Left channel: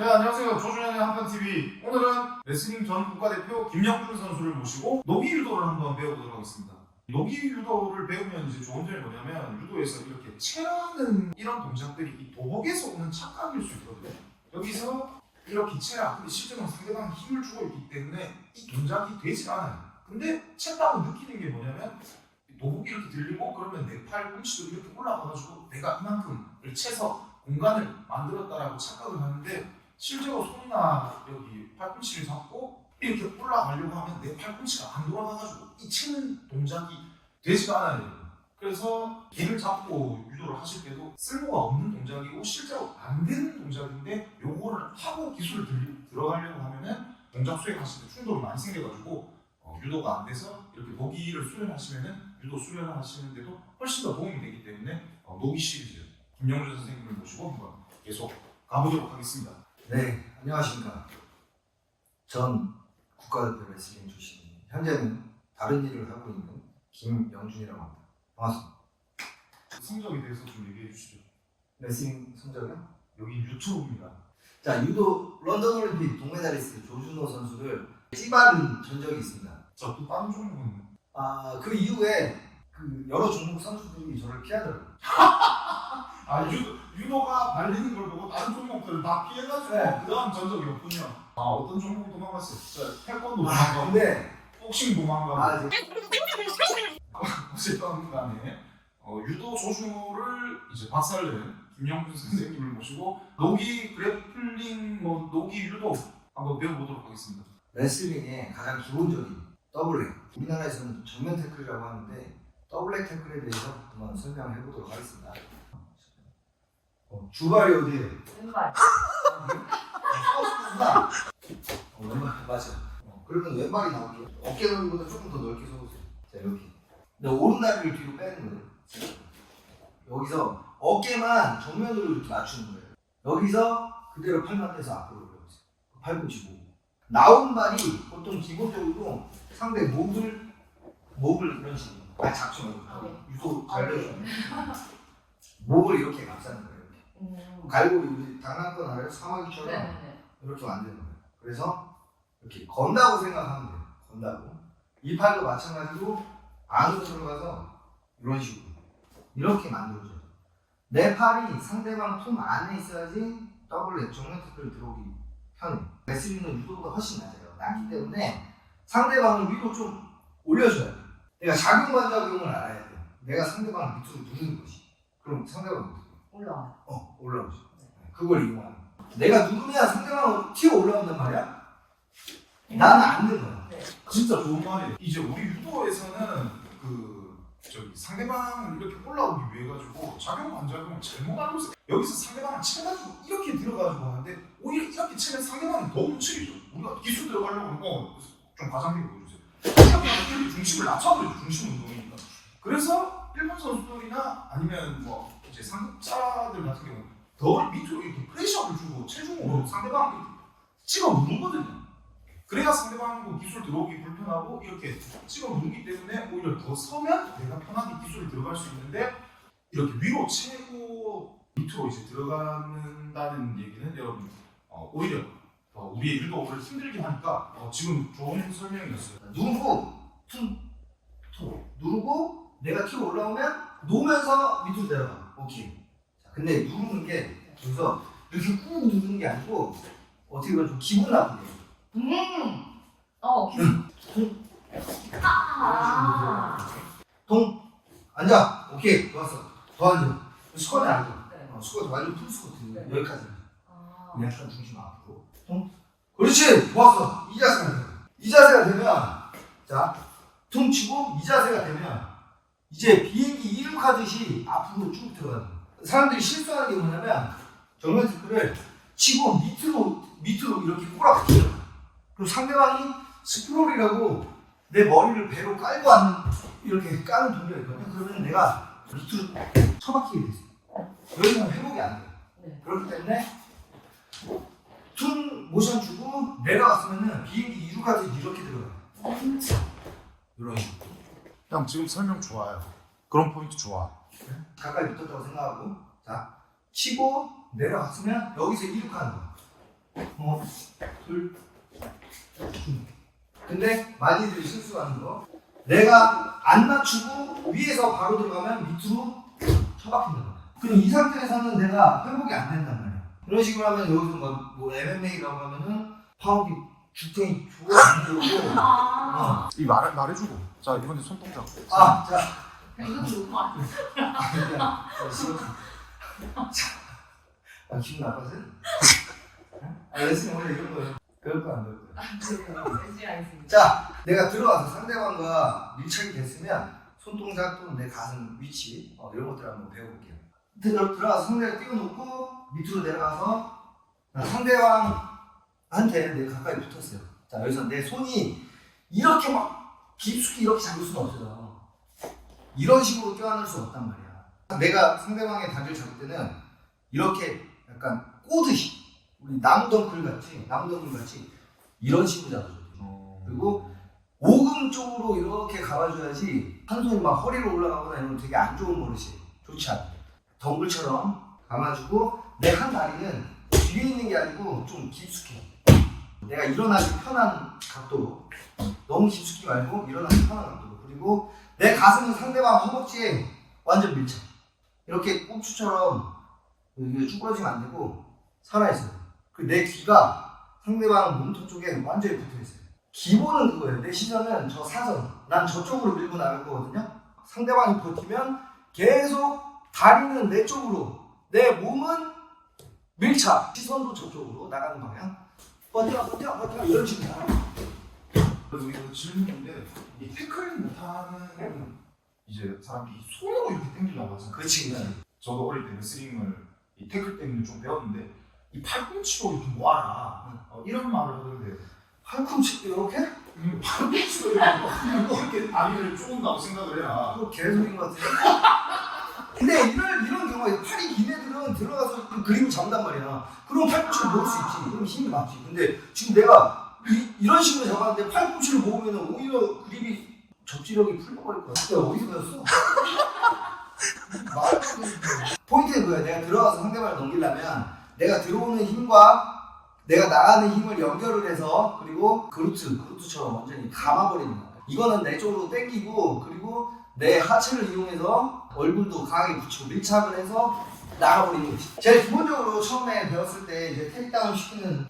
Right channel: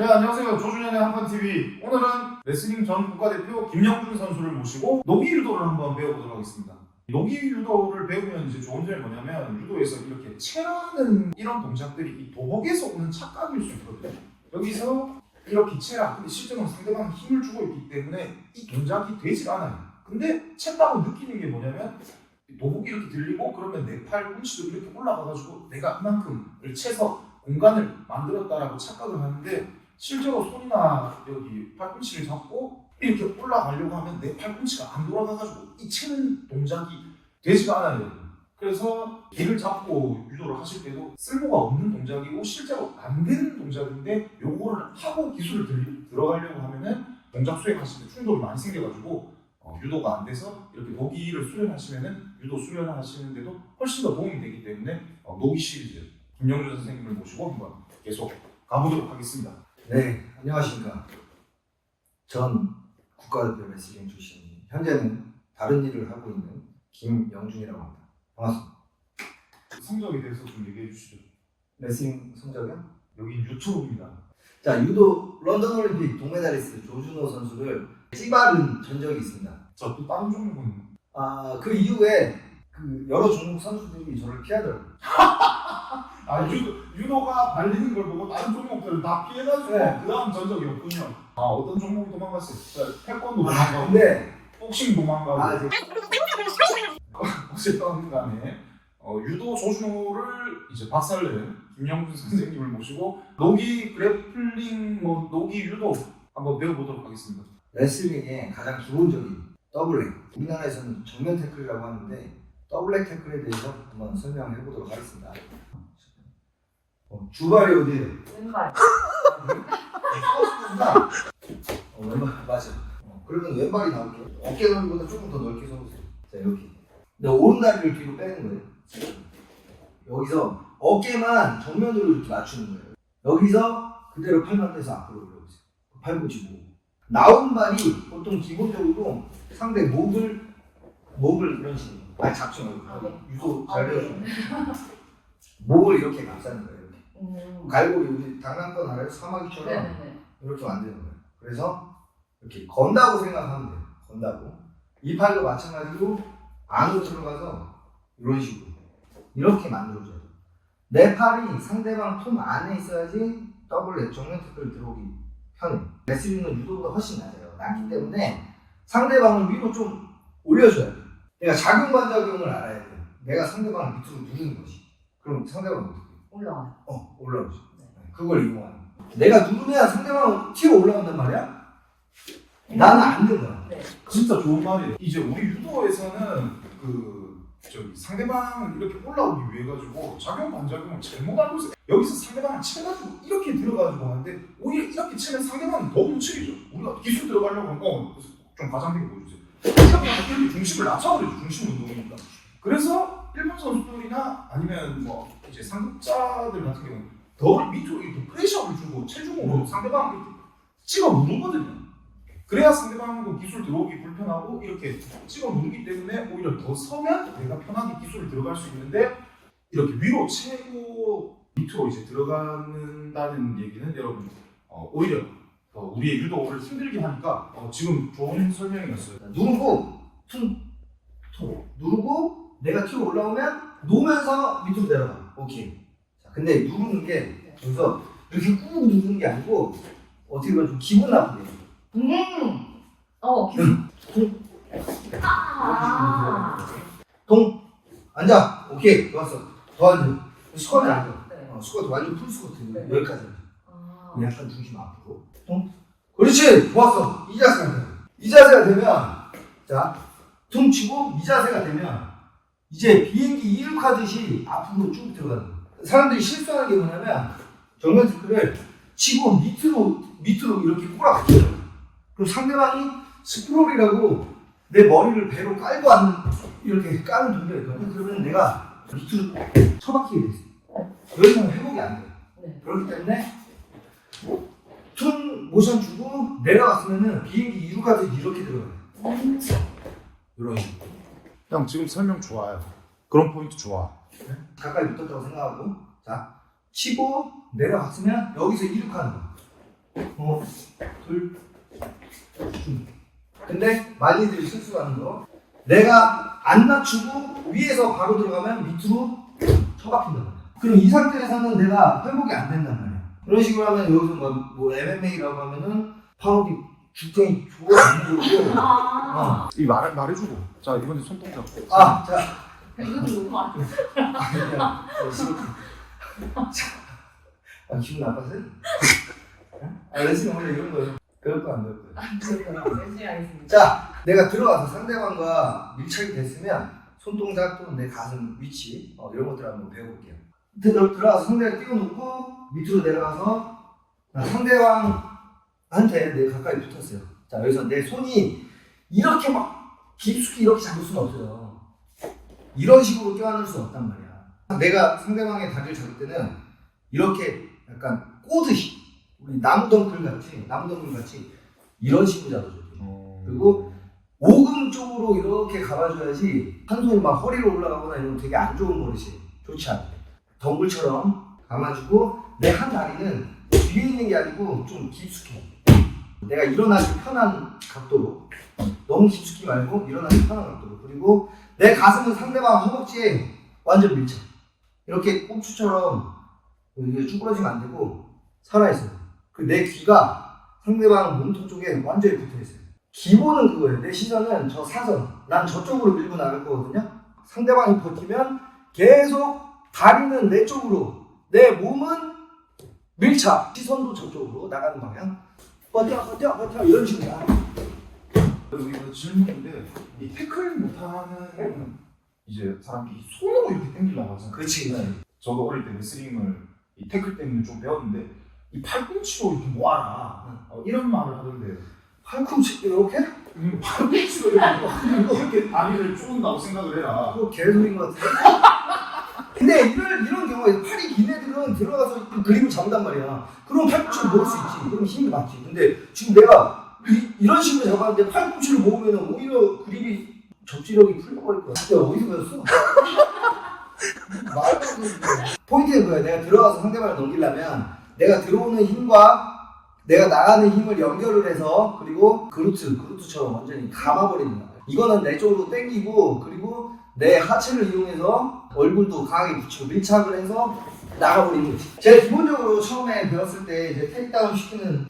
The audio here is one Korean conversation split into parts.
네, 안녕하세요. 조준현의 한판TV. 오늘은 레슬링 전 국가대표 김영준 선수를 모시고 노기 유도를 한번 배워보도록 하겠습니다. 노기 유도를 배우면 이제 좋은 점이 뭐냐면 유도에서 이렇게 체라는 이런 동작들이 이 도복에서 오는 착각일 수 있거든요. 여기서 이렇게 체라. 근데 실제로는 상대방이 힘을 주고 있기 때문에 이 동작이 되질 않아요. 근데 챘다고 느끼는 게 뭐냐면 도복이 이렇게 들리고 그러면 내 팔꿈치도 이렇게 올라가가지고 내가 이만큼을 채서 공간을 만들었다라고 착각을 하는데 실제로 손이나 여기 팔꿈치를 잡고 이렇게 올라가려고 하면 내 팔꿈치가 안 돌아가가지고 이 치는 동작이 되지가 않아요. 그래서 길을 잡고 유도를 하실 때도 쓸모가 없는 동작이고 실제로 안 되는 동작인데 요거를 하고 기술을 들어가려고 하면은 동작 수행하실 때 충돌이 많이 생겨가지고 유도가 안 돼서 이렇게 노기를 수련하시면은 유도 수련을 하시는데도 훨씬 더 도움이 되기 때문에 노기 시리즈 김영준 선생님을 모시고 한번 계속 가보도록 하겠습니다. 네, 안녕하십니까. 전 국가대표 레슬링 출신, 현재는 다른 일을 하고 있는 김영준이라고 합니다. 반갑습니다. 성적에 대해서 좀 얘기해 주시죠. 레슬링 성적이요? 여기 유튜브입니다. 자, 유도 런던 올림픽 동메달리스트 조준호 선수를 찌바른 전적이 있습니다. 자, 또 다른 종목은? 그 이후에 그 여러 종목 선수들이 저를 피하더라고요. 유도가 발리는 걸 보고 다른 종목들을 다 피해가지고 네. 그 다음 전적이 없군요. 어떤 종목이 도망갔어요? 자, 태권도 도망가고 네. 복싱 도망가고 네. 어쨌든 간에 유도 조준호를 이제 박살낸 김영준 선생님을 모시고 노기 그래플링, 노기 유도 한번 배워보도록 하겠습니다. 레슬링의 가장 기본적인 더블렉. 우리나라에서는 정면 태클이라고 하는데 더블렉 태클에 대해서 한번 설명해 보도록 하겠습니다. 주발이 어디에요? 왼발. 왼발 맞아. 그러면 왼발이 나올게요. 어깨 넓이보다 조금 더 넓게 서보세요. 자 이렇게. 근데 오른다리를 뒤로 빼는 거예요. 여기서 어깨만 정면으로 이렇게 맞추는 거예요. 여기서 그대로 팔만 대서 앞으로 올려보세요. 팔 붙이고. 나온 발이 보통 기본적으로 상대 목을 이런 식으로. 아니 잡지 말고. 유도 잘 배워줘. 목을 이렇게 감싸는 거예요. 갈고리 우리 장난감 알아요? 사마귀처럼 네네네. 이렇게 만드는 거예요. 그래서 이렇게 건다고 생각하면 돼요. 건다고. 이 팔도 마찬가지로 안으로 들어가서 이런 식으로 이렇게 만들어줘요. 내 팔이 상대방 품 안에 있어야지 더블 정면 태클 들어오기 편해. 레슬링은 유도보다 훨씬 낮기 때문에 상대방을 위로 좀 올려줘야 돼. 내가 작용반작용을 알아야 돼. 내가 상대방을 밑으로 누르는 것이. 그럼 상대방은 어떻게 해? 올라와. 올라오죠. 그걸 이용하는 거야. 내가 누르면 상대방은 튀어 올라온단 말이야? 나는 안 되는 거야. 네. 진짜 좋은 말이에요. 이제 우리 유도에서는 상대방을 이렇게 올라오기 위해 가지고 작용 반작용을 잘못 알고 있어요. 여기서 상대방을 쳐가지고 이렇게 들어가지고 하는데 오히려 이렇게 치면 상대방이 더 움츠리죠. 우리가 기술 들어가려고 하면 좀 과장되게 보여주세요. 이렇게 중심을 낮춰버리죠. 중심 운동이니까. 그래서 일본 선수들이나 아니면 이제 상급자들 같은 경우는 더 밑으로 이렇게 프레셔를 주고 체중으로 상대방을 이렇게 찍어 누르거든요. 그래야 상대방도 기술 들어오기 불편하고 이렇게 찍어 누르기 때문에 오히려 더 서면 내가 편하게 기술을 들어갈 수 있는데 이렇게 위로 채고 밑으로 이제 들어가는다는 얘기는 여러분 오히려 우리의 유도를 힘들게 하니까 지금 좋은 설명이었어요. 누르고 퉁 누르고 내가 튀어 올라오면 놓으면서 밑으로 내려가. 오케이. 자, 근데 누르는 게 여기서 이렇게 꾹 누르는 게 아니고 어떻게 보면 좀 기분 나쁘게. 동 앉아. 오케이 좋았어. 더 앉아. 스쿼트 앉아. 스쿼트 완전 풀 스쿼트. 네. 여기까지. 약간 중심 앞으로. 동. 그렇지. 좋았어. 이 자세가 돼. 이 자세가 되면 자 퉁 치고 이 자세가 되면 이제 비행기 이륙하듯이 앞으로 쭉 들어가는 거예요. 사람들이 실수하는 게 뭐냐면 정면 태클을 치고 밑으로 이렇게 꼬라박혀요. 그럼 상대방이 스프롤이라고 내 머리를 배로 깔고 앉는 이렇게 까는 동작이 있거든요. 그러면 내가 밑으로 처박히게 됐어요. 여기서는 회복이 안 돼요. 네. 그렇기 때문에 퉁 모션 주고 내려갔으면은 비행기 이륙하듯이 이렇게 들어가요. 이런 식으로. 형 지금 설명 좋아요. 그런 포인트 좋아. 가까이 붙었다고 생각하고 자 치고 내려갔으면 여기서 이륙하는 거야. 둘. 근데 많이들 실수하는 거. 내가 안 낮추고 위에서 바로 들어가면 밑으로 처박힌단 말이야. 그럼 이 상태에서는 내가 회복이 안 된단 말이야. 그런 식으로 하면 여기서 뭐 MMA라고 하면은 파운딩 죽탱이 좋아 안 되고. 이 말해주고. 자 이번에 손동작. 자. 이것도 너무 많아. 기분 나빠서요? 레슬링 원래 이런 거예요. 배울 거안 배울 거예요. 열심히 하겠습니다. 자, 내가 들어가서 상대방과 밀착이 됐으면 손동작 또는 내 가슴 위치 이런 것들 한번 배워볼게요. 들어가서 상대를 띄워놓고 밑으로 내려가서 상대방한테 내가 가까이 붙었어요. 자, 여기서 내 손이 이렇게 막 깊숙이 이렇게 잡을 수는 없어요. 이런 식으로 껴안을 수 없단 말이야. 내가 상대방의 다리를 잡을 때는 이렇게 약간 꼬듯이 우리 나무덩굴 같이 이런 식으로 잡아줘야 돼. 그리고 오금 쪽으로 이렇게 감아줘야지 한 손이 막 허리로 올라가거나 이런 거 되게 안 좋은 버릇이에요. 좋지 않아. 덩굴처럼 감아주고 내 한 다리는 뒤에 있는 게 아니고 좀 깊숙이 내가 일어나기 편한 각도로 너무 깊숙이 말고 일어나기 편한 각도로 그리고 내 가슴은 상대방 허벅지에 완전 밀착 이렇게 꼽추처럼 이게 쭈그러지면 안 되고 살아있어요. 내 귀가 상대방 몸통 쪽에 완전히 붙어있어요. 기본은 그거예요. 내 시선은 저 사선 난 저쪽으로 밀고 나갈 거거든요. 상대방이 버티면 계속 다리는 내 쪽으로 내 몸은 밀착 시선도 저쪽으로 나가는 방향 버텨 이런 식으로 그리고 이거 질문인데 이 태클 못하는 이제 사람들이 손으로 이렇게 당기려고 하잖아요. 그렇지. 저도 어릴 때 레슬링을 이 태클 때문에 좀 배웠는데 이 팔꿈치로 이렇게 모아라 이런 말을 하던데 팔꿈치 이렇게? 팔꿈치로 이렇게 다리를 쪼은다고 생각을 해라. 그거 개소리인 것 같은데? 근데 이런 경우에 팔이 긴 애들은 들어가서 그 그립을 잡는단 말이야. 그럼 팔꿈치를 모을 수 있지. 그럼 힘이 맞지. 근데 지금 내가 이런 식으로 잡았는데 팔꿈치를 모으면 오히려 그립이 접지력이 풀려버릴 거야. 내가 어디서 배웠어? 말도 안 되는 거야. 포인트는 그거야. 내가 들어가서 상대방을 넘기려면 내가 들어오는 힘과 내가 나가는 힘을 연결을 해서 그리고 그루트처럼 완전히 감아버리는 거야. 이거는 내 쪽으로 당기고 그리고 내 하체를 이용해서 얼굴도 강하게 붙이고 밀착을 해서 나가버리는 거지. 제가 기본적으로 처음에 배웠을 때 이제 테이크다운 시키는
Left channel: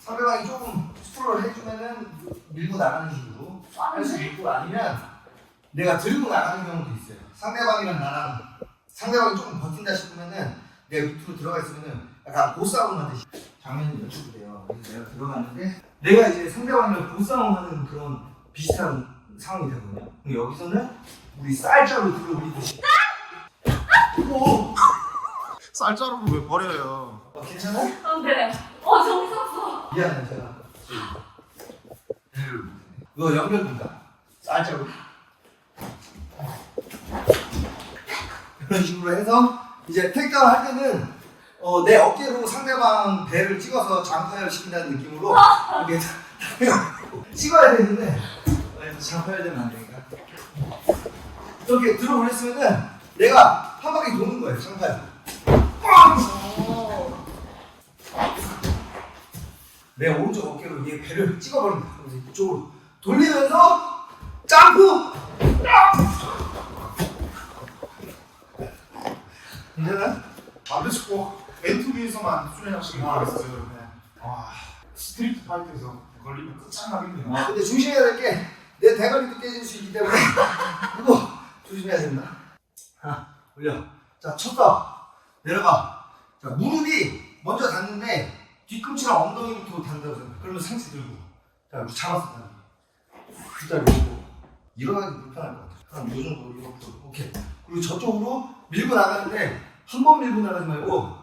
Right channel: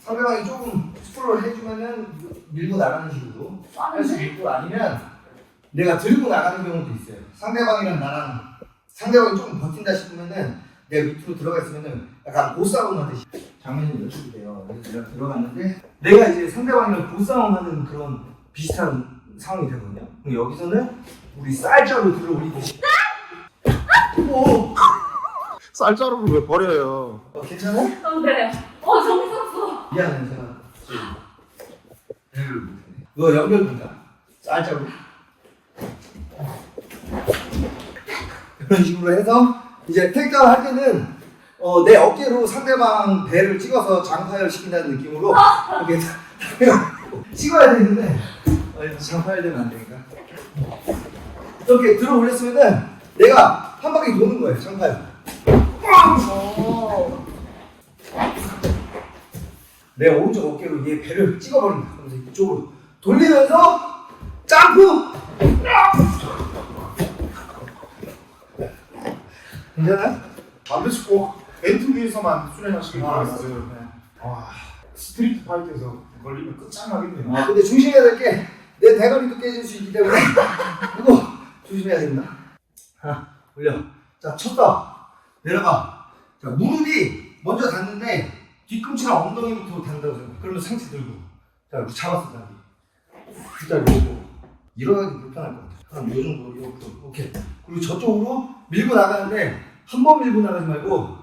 상대방이 조금 스프롤을 해주면은 밀고 나가는 식으로 할 수 있고 아니면 내가 들고 나가는 경우도 있어요. 상대방이랑 나랑 상대방이 조금 버틴다 싶으면은 내가 밑으로 들어가 있으면은 약간 보싸움 하듯이 장면이 연출이 돼요. 그래서 내가 들어갔는데 내가 이제 상대방이랑 보싸움하는 그런 비슷한 상황이 되거든요. 그럼 여기서는 우리 쌀자루 들어 올리듯이 쌀자루를 왜 버려요? 괜찮아? 네. 정이 썼어. 미안해 제가 이거 연결입니다. 쌀자루 이런 식으로 해서 이제 테이크다운 할 때는 내 어깨로 상대방 배를 찍어서 장파열 시킨다는 느낌으로 이렇게 찍어야 되는데 장파열 되면 안 되니까 이렇게 들어 올렸으면은 내가 한 바퀴 도는 거예요. 장파열 내 오른쪽 어깨로 얘 배를 찍어버린다. 그래서 이쪽으로 돌리면서 점프! 괜찮아요? 반드시 꼭 벤트 위에서만 수련하시길 바라겠어요. 와, 스트리트 파이트에서 걸리면 끝장나겠네요. 근데 조심해야 될 게 내 대가리도 깨질 수 있기 때문에 이거 조심해야 됩니다. 하나 올려. 자 쳤다. 내려가. 자 무릎이 먼저 닿는데 뒤꿈치랑 엉덩이부터 닿는다고 생각해. 그러면 상체 들고. 자 이렇게 잡았어 다리. 그 자리 오고 일어나기 불편할 것 같아. 한 요 정도 이렇게 오케이. 그리고 저쪽으로 밀고 나가는데 한 번 밀고 나가지 말고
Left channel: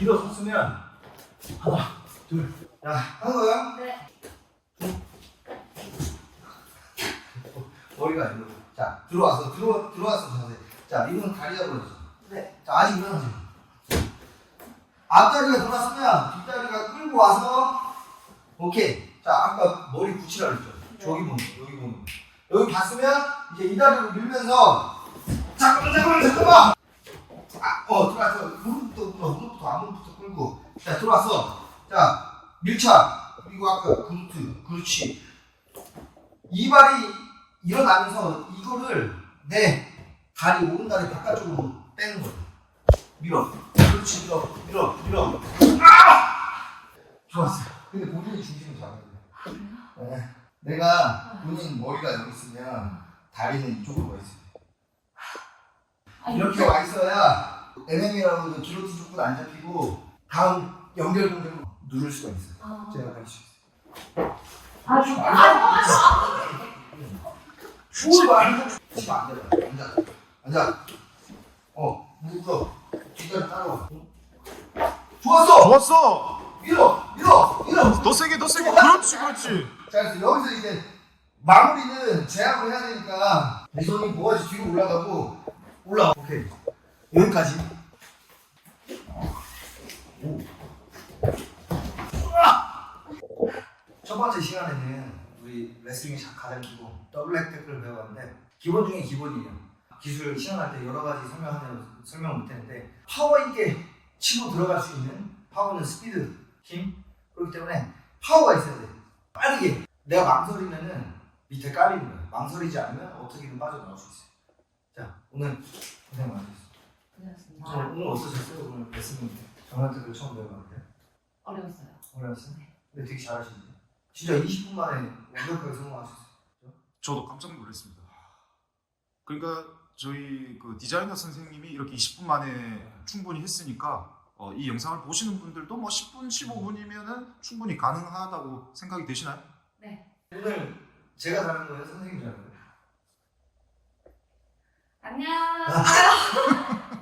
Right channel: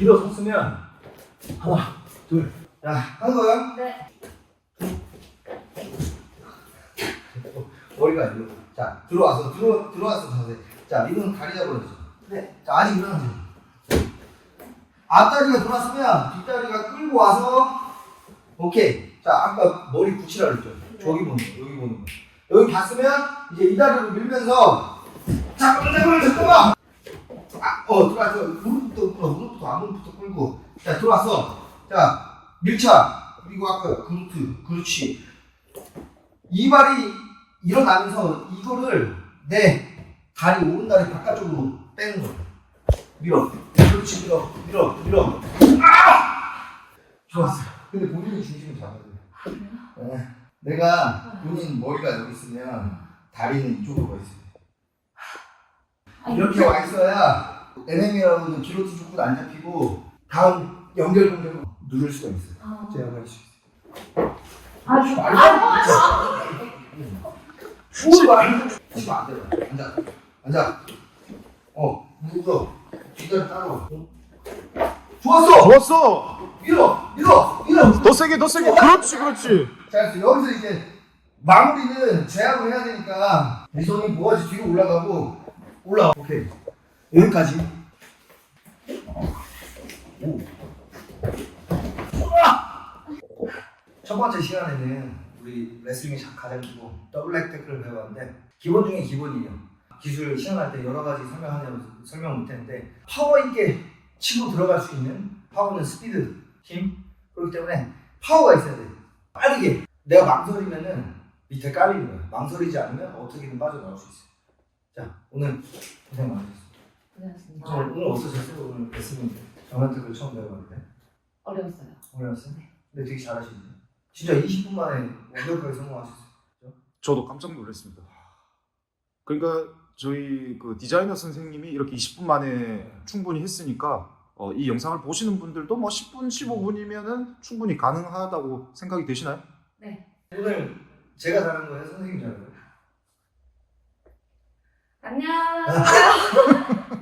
일어섰으면 하나 둘. 야 하는 거야? 네. 머리가 이러고. 자, 들어와서 자세. 자, 이건 다리 잡아야죠. 네. 자, 아직 일어나세요. 앞다리가 돌았으면 뒷다리가 끌고 와서, 오케이. 자, 아까 머리 붙이라 그랬죠. 저기 보는 거, 여기 보는 거. 여기 봤으면, 이제 이 다리로 밀면서, 잠깐만! 들어와서, 무릎부터, 무릎부터, 안무릎부터 자, 들어왔어. 자, 밀착. 그리고 아까 그루트. 그렇지. 이 발이 일어나면서 이거를 내 다리, 오른다리 바깥쪽으로 빼는 거야. 밀어. 그렇지, 밀어. 좋았어. 근데 본인이 중심을 잡아야 돼. 네. 내가 본인 머리가 여기 있으면 다리는 이쪽으로 가 있어요. 이렇게 와 있어야 NM이라고 기로티 조건 안 잡히고 다음 연결 공격을 누를 수가 있어요. 제가 할 수 있어요. 뭘 말해? 치면 안 돼요. 앉아. 무릎 꿇어. 뒷다리 따라와. 좋았어. 좋았어. 밀어. 더 세게. 그렇지. 자, 그래서 여기서 이제 마무리는 제압을 해야 되니까 이 손이 모아지 뒤로 올라가고 오케이. 여기까지. 첫 번째 시간에는 우리 레슬링의 가장 기본 더블 태클을 배워봤는데 기본 중에 기본이에요. 기술 시연할 때 여러 가지 설명을 못했는데 파워 있게 치고 들어갈 수 있는 파워는 스피드, 힘 그렇기 때문에 파워가 있어야 돼요. 빠르게 내가 망설이면은 밑에 깔리는 거예요. 망설이지 않으면 어떻게든 빠져나올 수 있어요. 자, 오늘 고생 많으셨어요. 고생하셨습니다. 오늘 어떠셨어요? 오늘 레슬링 정한테를 처음 배워봤는데 어려웠어요. 어려웠어요? 근데 되게 잘하시네요. 진짜 20분 만에 완벽하게 성공하셨어요. 저도 깜짝 놀랐습니다. 그러니까 저희 그 디자이너 선생님이 이렇게 20분 만에 충분히 했으니까 이 영상을 보시는 분들도 뭐 10분, 15분이면은 충분히 가능하다고 생각이 되시나요? 네. 오늘 제가 잘한 거예요? 선생님이 잘한 거예요? 안녕.